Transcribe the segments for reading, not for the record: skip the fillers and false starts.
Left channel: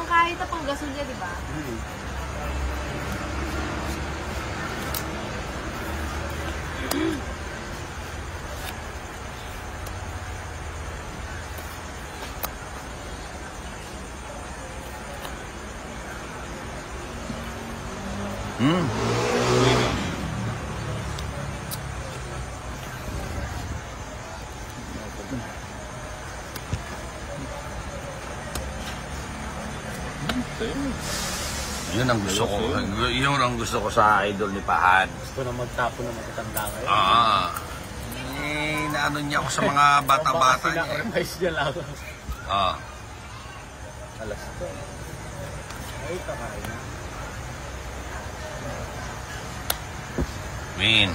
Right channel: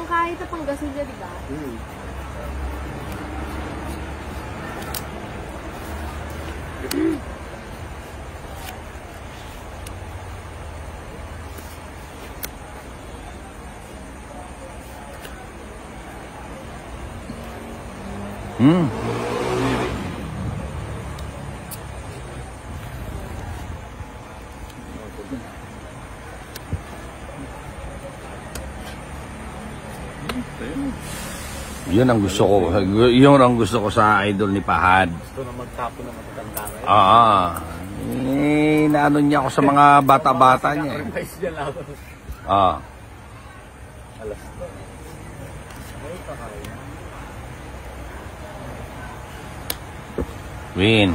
pang kahit na pang gasolina, di ba? Yun ang gusto ko. Yun ang gusto ko sa idol ni Pahad. Gusto na magtapo ng matanda. Naano niya ako sa mga bata-bata niya. Win.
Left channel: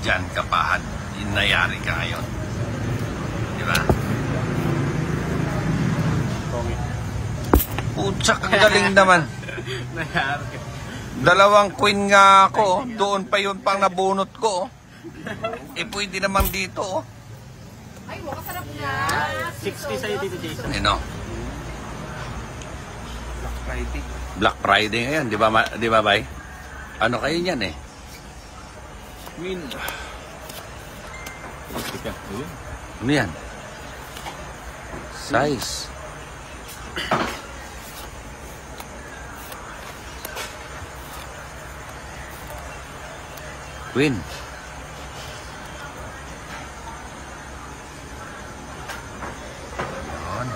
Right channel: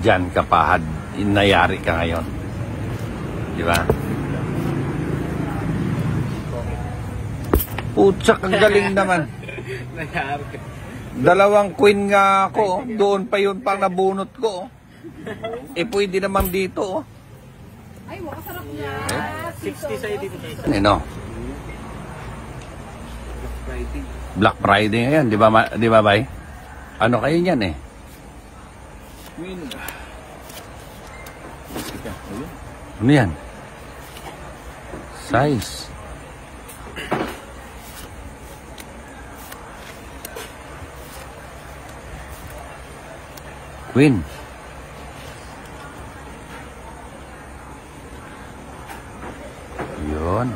Diyan ka, Pahad. Inayari ka ngayon. Diba? Putsak, ang galing naman. Dalawang queen nga ako. Doon pa yun pang nabunot ko. Pwede naman dito. Ay, wakasarap na. 60 sa dito, Jason. Ino. Black Friday ngayon, di ba, bay? Ano kayo niyan eh? Ano yan? Size. Queen. Yun.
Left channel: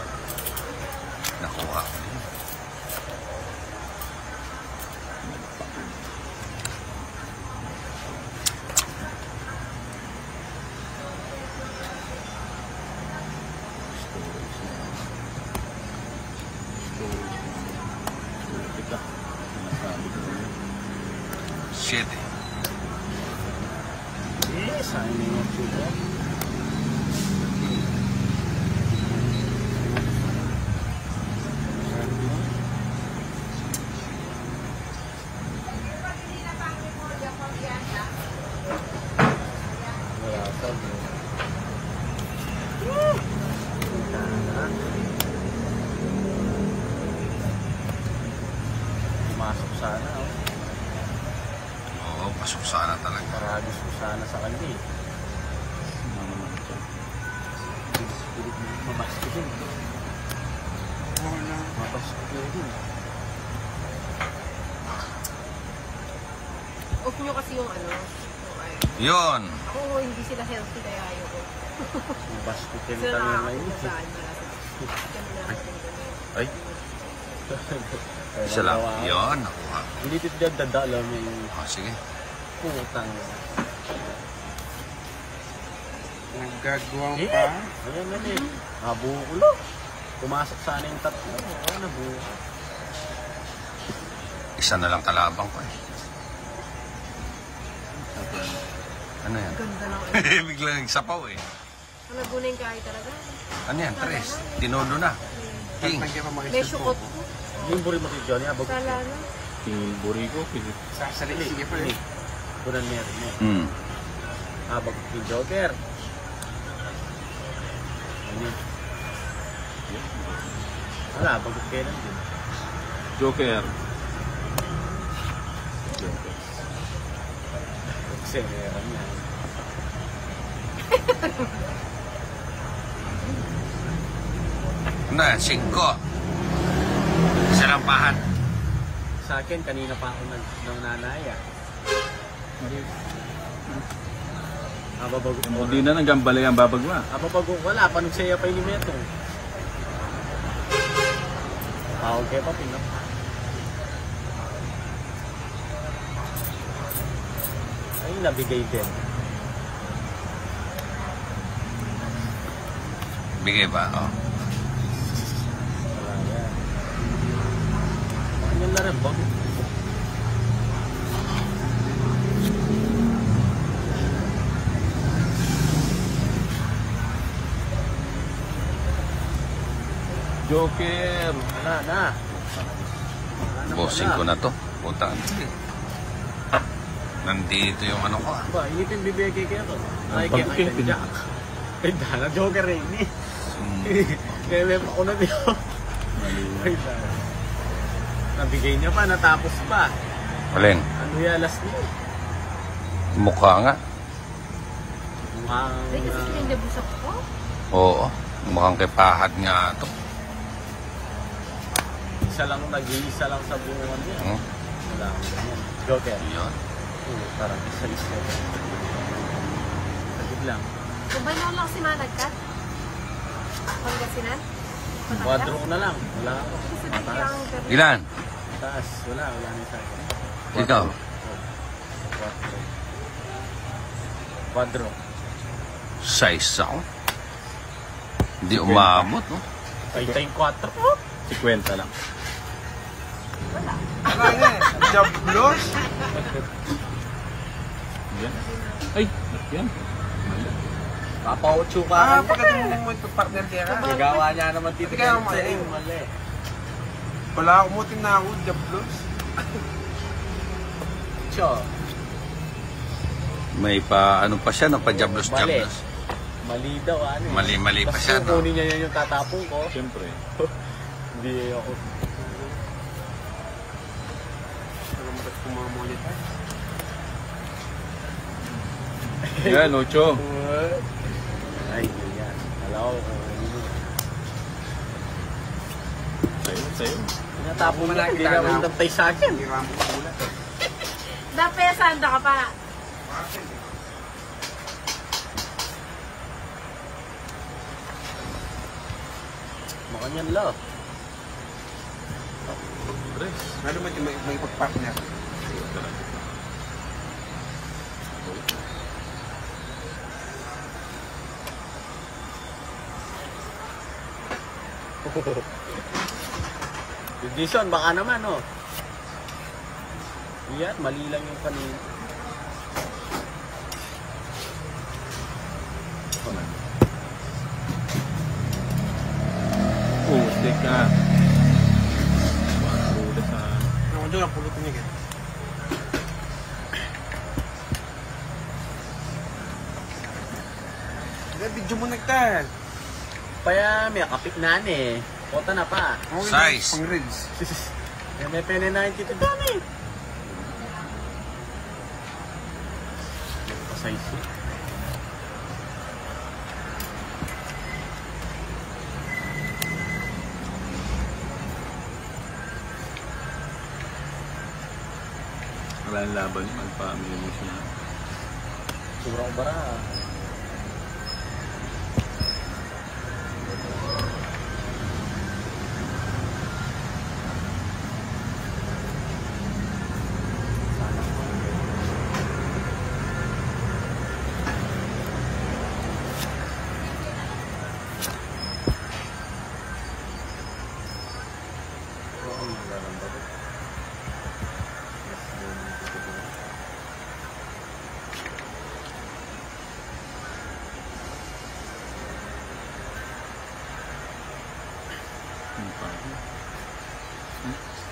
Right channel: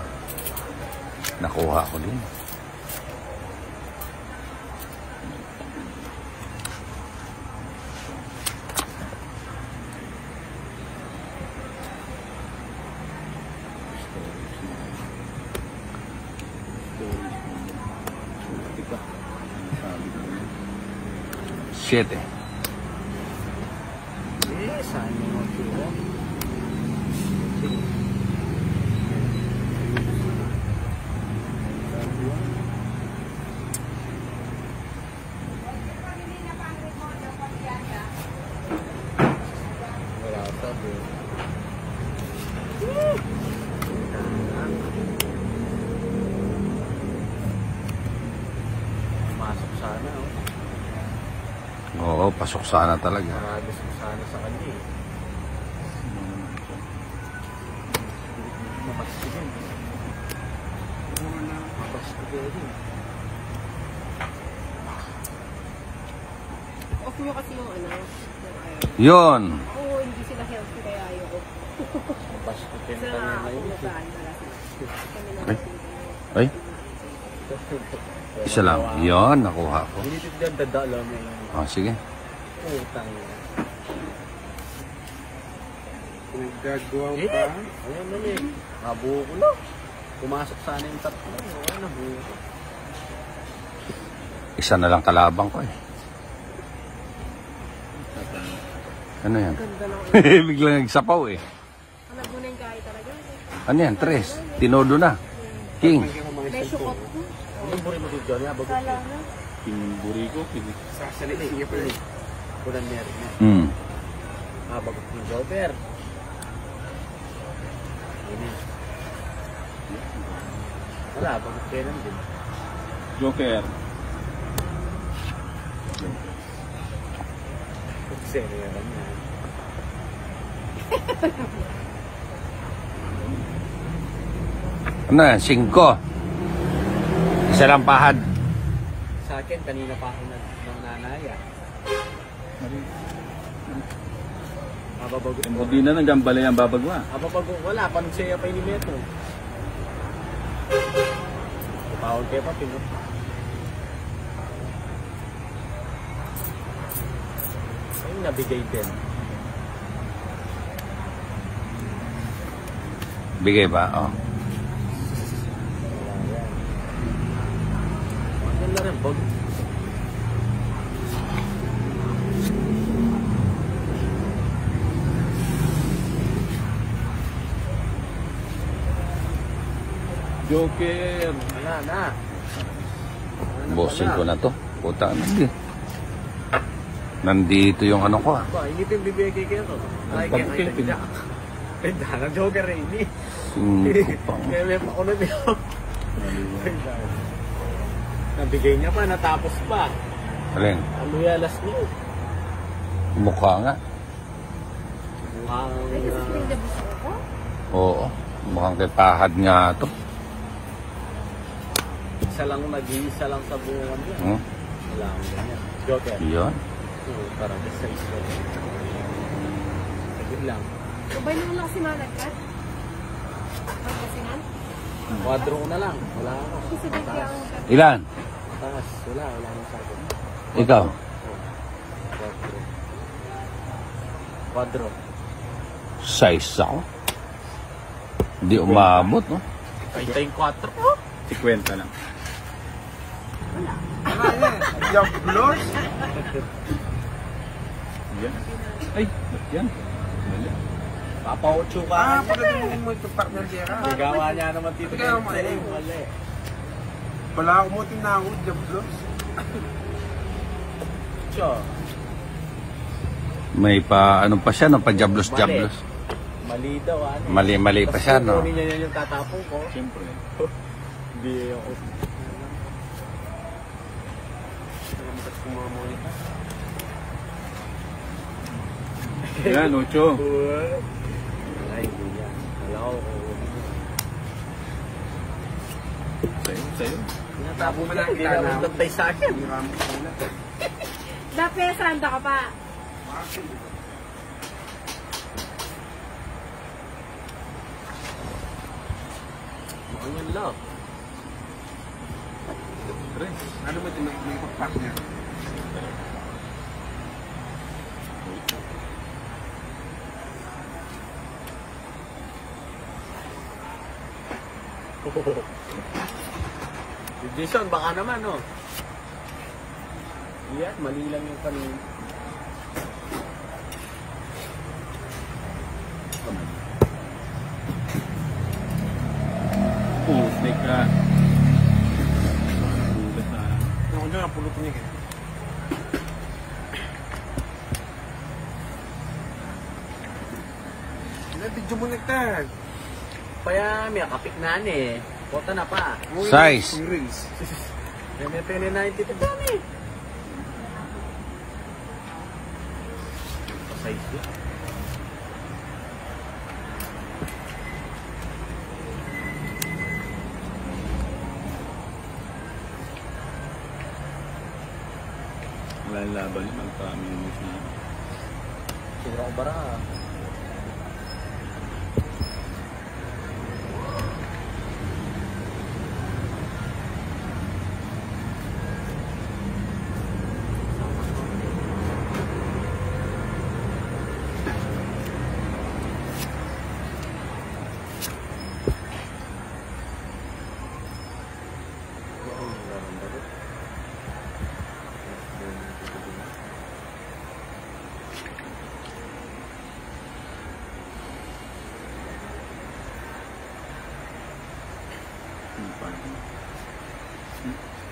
Nakuha ko din. Shit. Oo, pasok sana talaga. Gusto sana sa kanya. Off nyo kasi yung ano. Yun. Ako, hindi sila healthy kaya ayoko. Baskitin Sila ka na nakakakumagaan. Ay? Isa lang. Yun, nakuha ko. Dilipid ka, dadala mo yung... Sige. Utang mo. Nagagawang pa? Ano naman eh. Nabuko. Pumasok sana yung tatlo. Nabuko. Isa na lang kalabang ko eh. Ano yan? Ganda lang. Biglang nagsapaw eh. Ano guna yung kahit talaga? Ano yan? Tres. Tinodo na. King. May syukot ko. Yung buri mo si Johnny, abag ko. Sala na. Yung buri ko, sige. Sasali, sige pa rin. Kunan meron mo. Abag ko si Joker. Ano yun? Wala, abag ko kayo lang din. Joker. Pixel mo yun. Ano yan? 5. Isa lang Pahad. Sa akin, kanina pa ako ng nanaya. Ababago. Hindi na naggambaling ang babagwa. Ababago, wala. Panugsaya pa yung metro. Tawag kayo pa, pinap. Ay, nabigay din. Bigay ba? Oh. Ano na lang, dog? Joker. Wala na. Bossing ko na to. Puta na. Nandito yung ano ko ah. Hindi pin bibigay kayo to. Pagpipin. Eh, gana Joker eh. Meme pa ko na dito. Nabigay niya pa, natapos pa. Alin? Ano yung alas niyo? Mukha nga. Ay, kasi kinagabos ako ko. Oo. Mukhang kay pahad nga to. Isa lang, nag-iisa lang sa buwan niya. Hmm? Wala. Joker. Yun. Parang essence lang. Agad lang. Sabay mo lang si Managkat. Magkasinan? Quadro na lang. Wala. Kasi bigyan ako ka. Ilan? Taas. Wala rin sa akin. Ikaw? Quadro. Size ako. Hindi umabot, no? Ay, ito yung 4 ko. 50 lang. Jablos? Yan. Ay, yan. Kapawatso ka. Pagkatulungin mo ito, partner niya. Nagawa niya naman dito. Teka, wala, umutin na ako, jablos. Cho. May pa, ano pa siya, no? Pa-jablos-jablos. Mali daw. Mali pa siya, no? Kunin niya yun yung tatapong ko. Siyempre. Hindi ako. Yan, Ocho. Ay, hindi yan. Wow. Sa'yo. Tapos mo na, hindi na ako nagtay sa akin. Dapat sanda ka pa. Mukhang yan lot. Ano mo ito, may partner? Hindi siya, baka naman, oh. Yeah, mali lang yung kanina. Ulit ka. Ulit ka. Ano dyan, pulot niya. May video mo nagtan. Kaya may kapit na eh. Kota na pa. Size. Pang reels. May pene na yung tito dami. Size yun. Wala yung laban yun. Magpa-amili mo siya. Sumaba.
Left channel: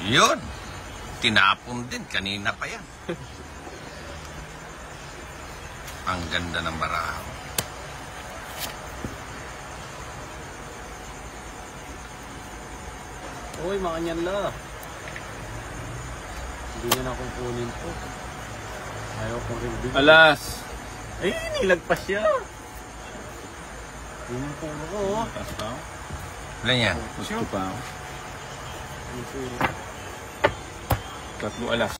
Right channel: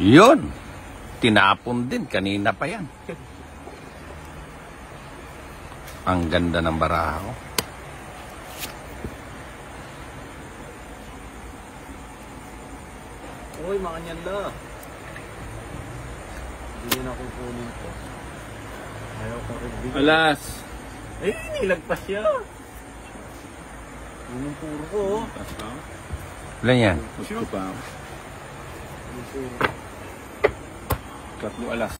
Yun. Tinapon din. Kanina pa yan. Ang ganda ng baraha ko. Uy, makanyan na. Hindi na na kukunin ko. Ayaw ko rin. Alas! Ay, nilagpas siya. Yun yung puno ko. Alas ka? Ilan yan? Gusto pa. Yung puno. Tap yung alas.